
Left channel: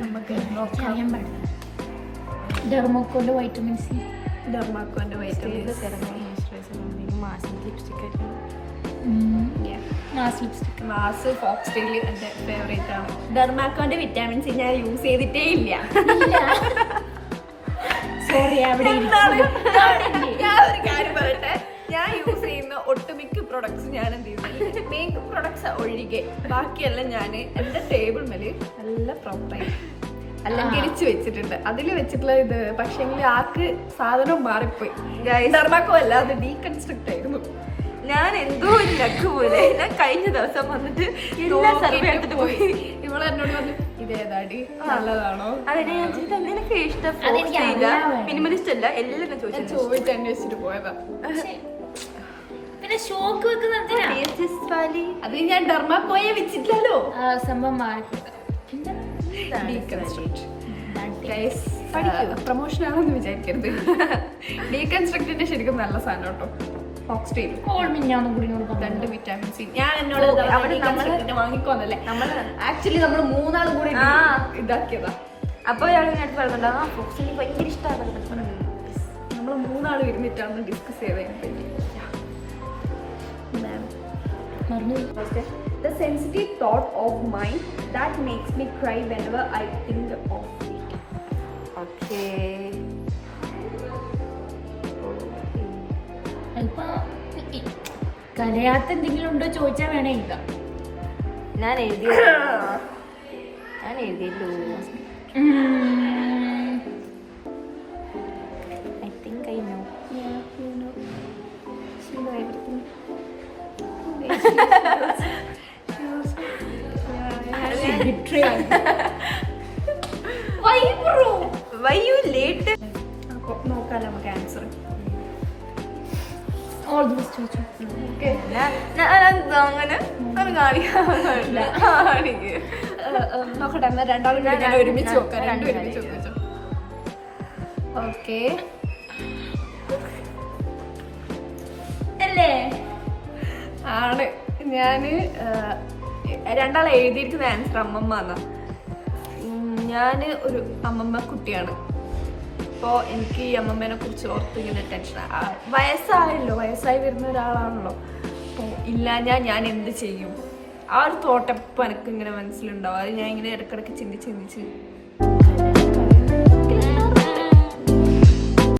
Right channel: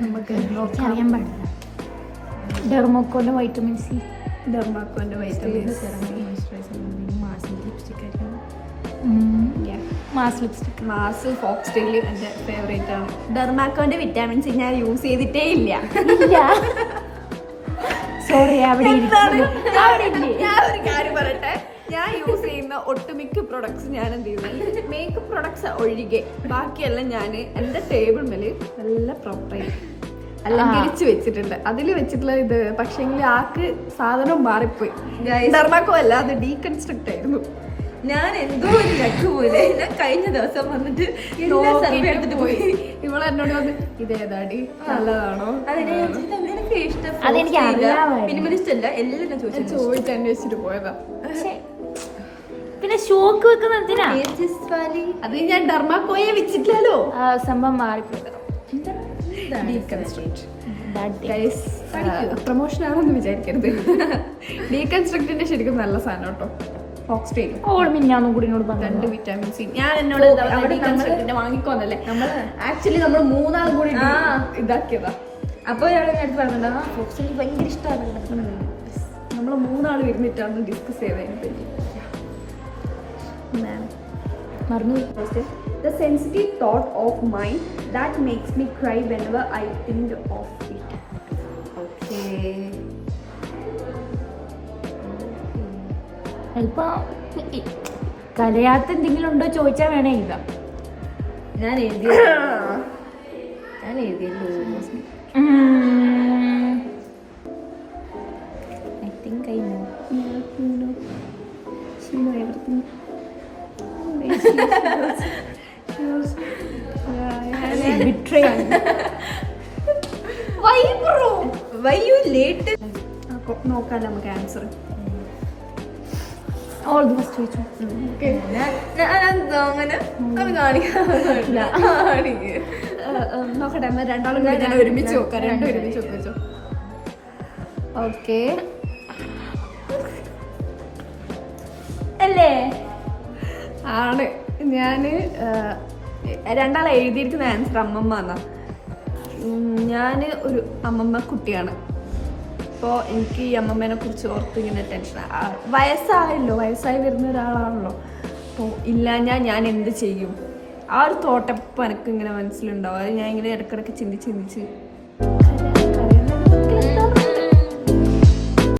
നമുക്ക് നോക്കാം. ഡെർമോക്കോന്റെ വൈറ്റമിൻ സി. ഡെർമാക്കോന്റെ വൈറ്റമിൻ മാസ് ഫോക്സ്ടെയിൽ എൻ്റെ ഫേവറേറ്റ് ആണ്. ഡെർമാക്കോന്റെ വിറ്റാമിൻ സി ഞാൻ യൂസ് ചെയ്തിട്ടേ ഇല്ല. സോറി, ഞാൻ ഒരു കാര്യം പറയട്ടെ, ഞാൻ യൂസ് ചെയ്യുന്ന ഒട്ടുമിക്ക പ്രൊഡക്ട്സ് ഞാൻ എന്ത് ചെയ്യുന്നത്, മേക്കപ്പ് പ്രൊഡക്ട്സ് ഒഴികെ ബാക്കിയെല്ലാം ഞാൻ എൻ്റെ ടേബിൾ മേല് നല്ല പ്രോപ്പറായി അലങ്കരിച്ച് വെച്ചിട്ടുണ്ട്. അതിൽ വെച്ചിട്ടുള്ള ഇത് പക്ഷേങ്കിൽ ആക്ക് സാധനം മാറിപ്പോയി. ഡെർമാക്കോ അല്ല, അത് ഡീകൺസ്ട്രക്ട് ആയിരുന്നു. ഞാൻ എന്തോ ഒരു ലക്ക് പോലെ ഞാൻ കഴിഞ്ഞ ദിവസം വന്നിട്ട് സർവേ എടുത്തിട്ട് പോയി. ഇവളെ എന്നോട് വന്ന് ഇതേതാടി നല്ലതാണോ, നിനക്ക് ഇഷ്ടം മിനിമലിസ്റ്റ് അല്ല എല്ലാം ചോദിച്ച് അന്വേഷിച്ചിട്ട് പോയതാ. പിന്നെ ഷോക്ക് വെക്കുന്ന അത് ഞാൻ ഡെർമാക്കോയെ വെച്ചിട്ടില്ലല്ലോ. സംഭവം മാറിപ്പോയി. പ്രൊമോഷൻ ആണെന്ന് വിചാരിക്കരുത്. ഡീകൺസ്ട്രക്റ്റിന്റെ ശരിക്കും നല്ല സാധനം കേട്ടോ. ഫോക്സ്ടെയിൽ കൂടി 2 വിറ്റാമിൻ സി. ഞാൻ എന്നോട് അവിടെ വാങ്ങിക്കോന്നല്ലേ, നമ്മൾ ആക്ച്വലി നമ്മൾ 3 ആളും കൂടി ഇതാക്കിയതാ. അപ്പോൾ ഞാൻ അടുത്ത് പറഞ്ഞിട്ടുണ്ടാ ഫോക്സ്ടെയിൽ ഭയങ്കര ഇഷ്ടമാണ്. നമ്മൾ 3 ആൾ ഇരുന്നിട്ടാണ് ഡിസ്കസ് ചെയ്തതിനെ പറ്റി. മറന്നു. The sensitive thought of mine that makes me cry whenever I think of it. Okay. ഇപ്പൊ കലയാത്ത എന്തെങ്കിലും ഉണ്ടോ ചോദിച്ചാൽ വേണേ എഴുതാം. ഞാൻ എഴുതിയല്ലോ. I think I know. Yeah, you know. She know everything. Why you late? അപ്പൊ നോക്കാലോ നമുക്ക് ആൻസർ. ഓൾ ദി ബെസ്റ്റ് ചോദിച്ചു. ഓക്കെ, അങ്ങനെ കാണിക്കാനില്ല. നോക്കട്ടെ എന്നാ രണ്ടാളും കൂടി ഞാൻ ഒരുമിച്ച് നോക്കാം. രണ്ടും ഒരുമിച്ച് വെച്ചോ. ഓക്കെ, അല്ലേ? ആണ്. ഞാന് രണ്ടാളെ എഴുതിയിരിക്കുന്ന ആൻസർ അമ്മമ്മ എന്നാ. ഞാൻ ഒരു അമ്മമ്മ കുട്ടിയാണ്. അപ്പോൾ എനിക്ക് ഈ അമ്മമ്മേനെ കുറിച്ച് ഓർത്ത് ഇങ്ങനെ ടെൻഷൻ. വയസ്സായി വരുന്ന ഒരാളാണല്ലോ. അപ്പോൾ ഇല്ലാഞ്ഞാൽ ഞാൻ എന്ത് ചെയ്യും? ആ ഒരു തോട്ടപ്പം എനിക്ക് ഇങ്ങനെ മനസ്സിലുണ്ടാവും. അത് ഞാൻ ഇങ്ങനെ ഇടയ്ക്കിടയ്ക്ക് ചിന്തിച്ച്